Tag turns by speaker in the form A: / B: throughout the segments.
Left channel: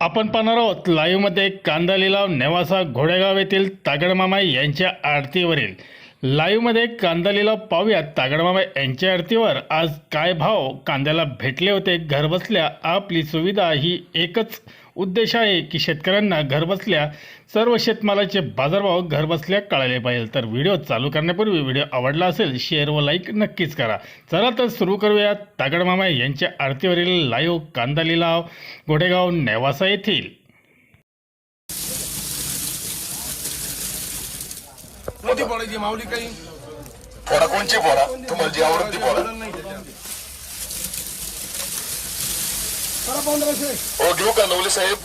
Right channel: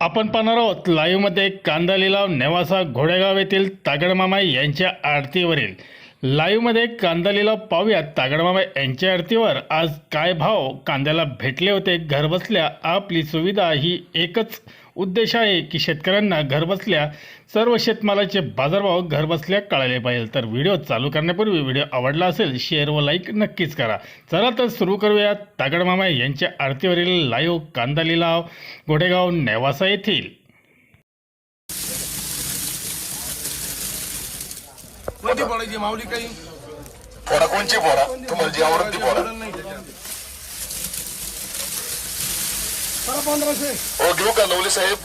A: आपण पाहणार आहोत लाईव्हमध्ये कांदा लिलाव नेवासा घोडेगाव येथील तागडमामा यांच्या आरतीवरील. लाईव्हमध्ये कांदालीला पाहूयात. तागडमामा यांच्या आरतीवर आज काय भाव कांद्याला भेटले होते? घरबसल्या आपली सुविधा ही एकच उद्देश आहे की शेतकऱ्यांना घरबसल्या सर्व शेतमालाचे बाजारभाव घरबसल्या कळाले पाहिजे. तर व्हिडिओ चालू करण्यापूर्वी व्हिडिओ आवडला असेल शेअर व लाईक नक्कीच करा. चला तर सुरू करूया तागडमामा यांच्या आरतीवरील लाईव्ह कांदा लिलाव गोडेगाव नेवासा येथील.
B: कोणती पडायची माऊली काही
C: फोडा कोणची आवडत ती फोडा
B: बरं पंधराशे.
C: हो घेऊ का नवले साहेब?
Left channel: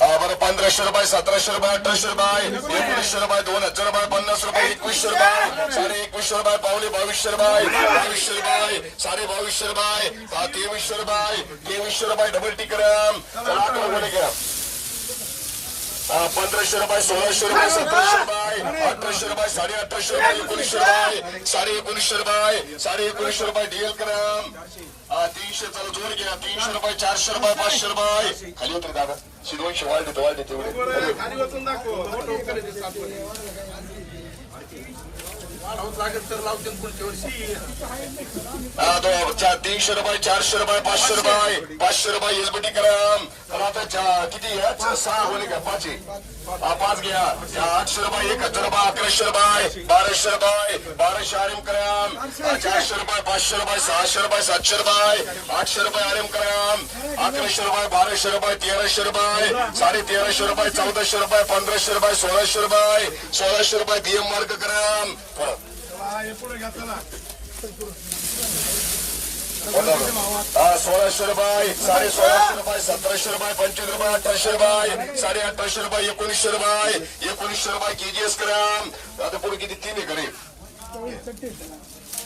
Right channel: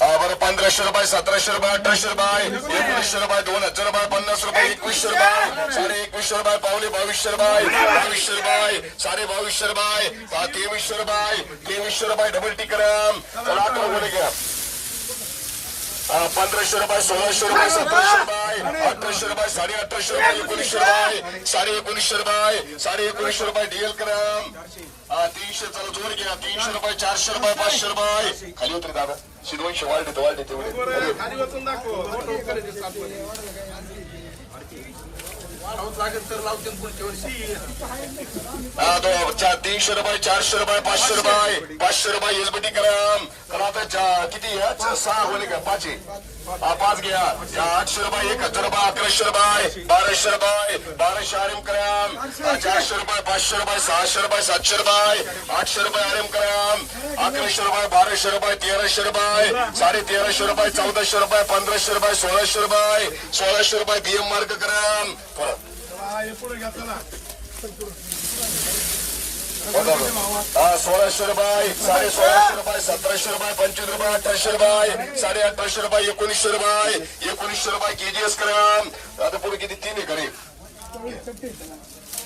C: बरं पंधराशे रुपये सतराशे रुपये अठराशे रुपये एकोणीसशे रुपये दोन हज़ार रुपये पन्नास रुपये एकवीसशे रुपये साडे एकवीसशे रुपये पावले बावीसशे रुपये बावीसशे रुपये साडे बावीसशे रुपये तेवीसशे रुपये तेवीसशे रुपये डबल टिकरम चला अकरा बोले करा. पंधराशे रुपये सोळाशे रुपये सतराशे रुपये अठराशे रुपये साडे अठराशे रुपये एकोणीसशे रुपये साडे एकोणीसशे रुपये साडे एकोणीसशे रुपये डीएल करा हा, तीनशे चला जोर घ्या. तीनशे रुपये चारशे रुपये पाचशे रुपये. खाली होते दादा. दोनशे वाढ देतो वाढ देतो. तीनशे रुपये चारशे रुपये पाचशे रुपये पाचशे रुपये एलबीटी ग्राम तर किती आहे? सहा होले का पाच पाच घ्या आठशे रुपये एक हज़ार रुपये अकराशे रुपये बाराशे रुपये बाराशे आरएम ग्राम हा, चारशे रुपये पाचशे रुपये सहाशे रुपये सातशे रुपये आठशे रुपये आरएम ग्राम अकराशे रुपये बाराशे रुपये तेराशे रुपये साडे तेराशे रुपये चौदाशे रुपये पंधराशे रुपये सोळाशे रुपये सोळाशे रुपये बीएम मार्ग ग्राम हो. हा, सोळाशे रुपये साडे सोळाशे रुपये सतराशे रुपये पंचवीस रुपये अठराशे रुपये साडे अठराशे रुपये एकोणीसशे रुपये एकोणीसशे रुपये केजीएस ग्राम आता पुढे किती? तीन आहे करे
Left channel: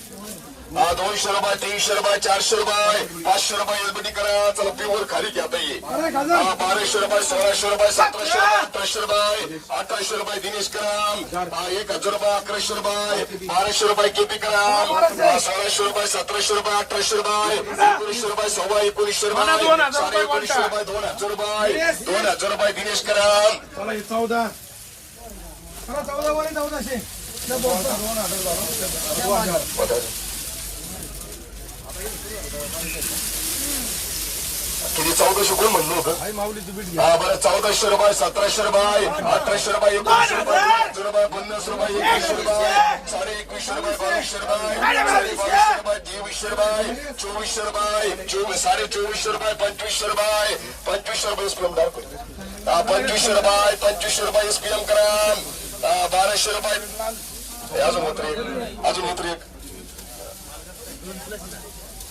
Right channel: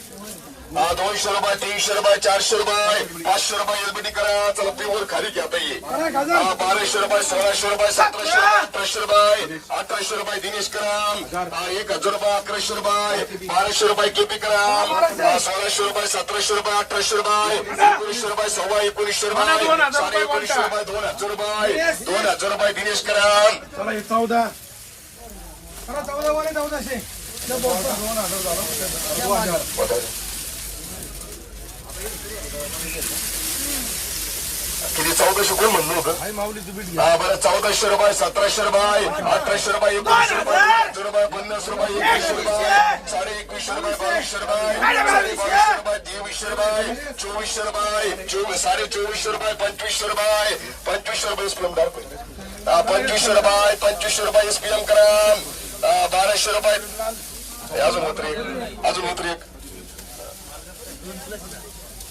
C: दोनशे रुपये तीनशे रुपये चारशे रुपये पाचशे रुपये एलबीटी करा. चला प्युअर खाली घ्या ताई. हा, बाराशे रुपये सोळाशे रुपये सतराशे रुपये अठराशे रुपये अठराशे रुपये दिनेश ग्राम हा, एक हजार रुपये अकराशे रुपये बाराशे रुपये केपी ग्राम हा, सोळाशे रुपये सतराशे रुपये अठराशे रुपये एकोणीसशे रुपये सव्वा एकोणीसशे रुपये साडे एकोणीसशे रुपये दोन हजार रुपये दोन हजार रुपये दिनेश
B: हे चौदा. चला चौदा वर चौदाशे.
C: किती चौदाशे कोण म्हणलं होतं. हा बरं. चौदाशे रुपये सतराशे रुपये अठराशे रुपये एकोणीसशे रुपये दोन हजार रुपये पन्नास रुपये एकवीसशे रुपये साडे एकवीसशे रुपये बावीसशे रुपये साडे बावीसशे रुपये तेवीसशे रुपये चोवीसशे रुपये चोवीस साडे चोवीसशे रुपये पंचवीसशे रुपये पंचवीसशे रुपये एसपीएम दाखव हा, पंचवीसशे रुपये पंचवीसशे रुपये एसपीएम ग्राम हा, बाराशे रुपये हे अजून होत रे अजून होत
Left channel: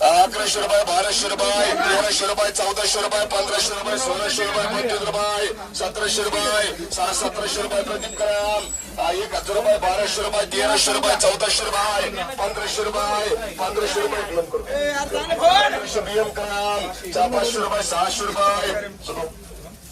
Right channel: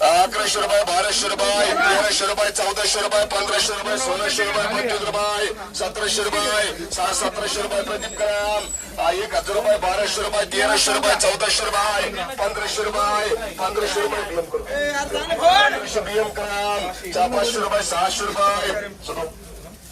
C: अकराशे रुपये बाराशे रुपये तेराशे रुपये चौदाशे रुपये पंधराशे रुपये सोळाशे रुपये पंचवीस रुपये सतराशे रुपये सहा सतराशे रुपये प्रदीप ग्राम हा, एक हज़ार रुपये बाराशे रुपये तेराशे रुपये चौदाशे रुपये पंधराशे रुपये पंधराशे रुपये बीएम ग्राम चार पाचशे रुपये सहाशे रुपये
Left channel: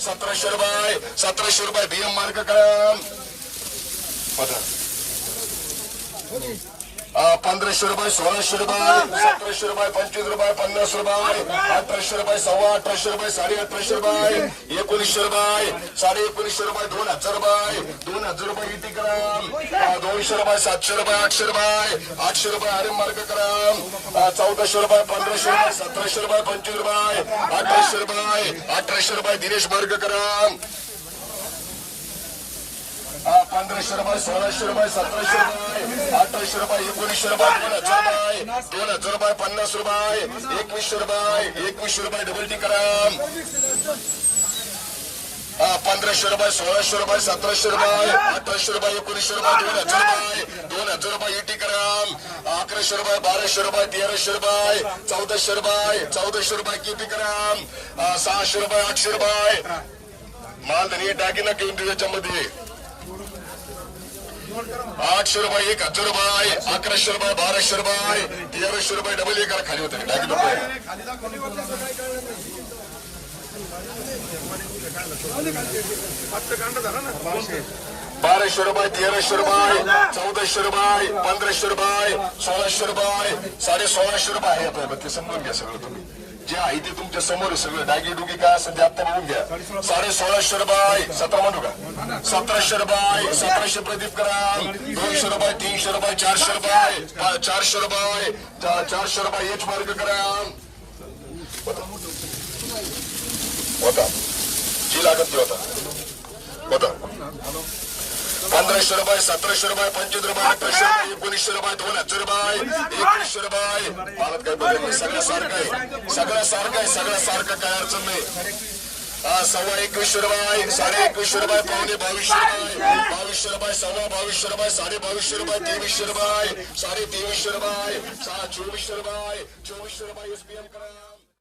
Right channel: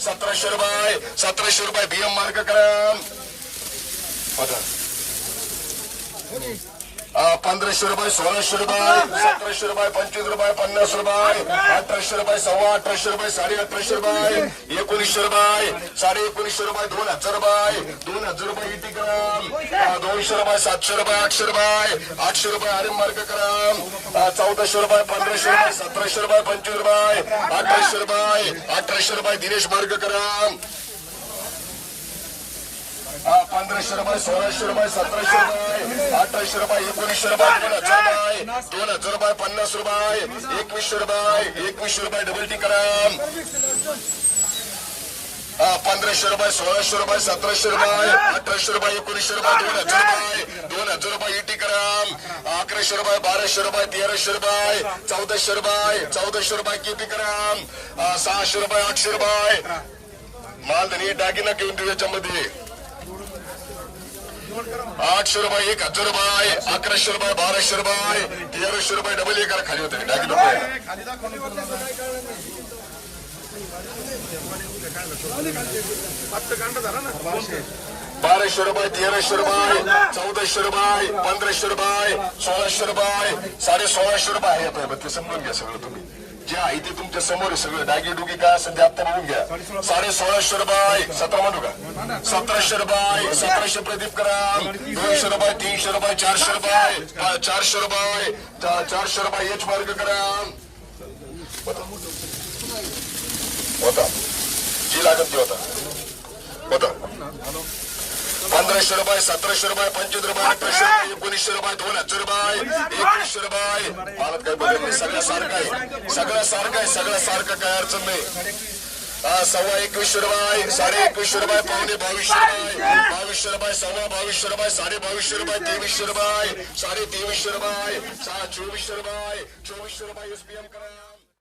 C: सतराशे रुपये सतराशे रुपये भीम मार्ग ग्राम बघा पंधराशे रुपये सोळाशे रुपये सतराशे रुपये पंचवीस रुपये पन्नास रुपये अठराशे रुपये सव्वा अठराशे रुपये साडे अठराशे रुपये एकोणीसशे रुपये साडे एकोणीसशे रुपये दोन हजार रुपये दोन हजार रुपये इटी ग्राम दोनशे रुपये सातशे रुपये आठशे रुपये आठशे रुपये आरम मार्ग ग्राम चौदाशे रुपये पंधराशे रुपये सतराशे रुपये पंचवीस रुपये अठराशे रुपये अठराशे रुपये दिनेश मार्ग ग्राम पंधराशे रुपये सोळाशे रुपये सतराशे रुपये अठराशे रुपये एकोणीसशे रुपये दोन हज़ार रुपये दोन हज़ार रुपये पन्नास रुपये एकवीसशे रुपये एकवीसशे रुपये डबल टी हा, पंधराशे रुपये सोळाशे रुपये सतराशे रुपये अठराशे रुपये एकोणीसशे रुपये दोन हज़ार रुपये दोन हज़ार रुपये कराम अकराशे रुपये बाराशे रुपये तेराशे रुपये चौदाशे रुपये चौदाशे रुपये किती ग्राम हा, सहाशे रुपये आठशे रुपये माल तरी घेऊन देऊ याच्यामध्ये आठशे रुपये एक हजार रुपये अकराशे रुपये बाराशे रुपये तेराशे रुपये डबल एक खाली होते. दागिना रुपये बाराशे रुपये तेराशे रुपये पंधराशे रुपये सोळाशे रुपये साडे सोळाशे रुपये आहे आता ते समजून घ्या सगळं तुम्ही. जे आहे ते समोर आहे सगळं. डागी डुगी काय असेल ते आता बघून घ्या. साडे सोळाशे रुपये सतरा म्हणू का सतराशे रुपये सतराशे प्रदीप करा दोनशे रुपये तीनशे रुपये चारशे रुपये चारशे रुपये चारशे रुपये एच मार्ग करा होता जी लागत बी होता पंधराशे रुपये सतराशे रुपये पंचवीस रुपये अठराशे रुपये एकोणीसशे रुपये दोन हज़ार रुपये एकवीसशे रुपये मला काय बदल नाही सगळं सारखं आहे सगळं सारखं आहे सगळं सारखं काय अडचण नाही सव्वा एकवीसशे रुपये साडे एकवीसशे रुपये पावणे बावीसशे रुपये बावीसशे रुपये सव्वा बावीसशे रुपये साडे बावीसशे रुपये तेवीसशे रुपये साडे तेवीसशे रुपये चोवीसशे रुपये चोवीसशे रुपये एसपीएम करा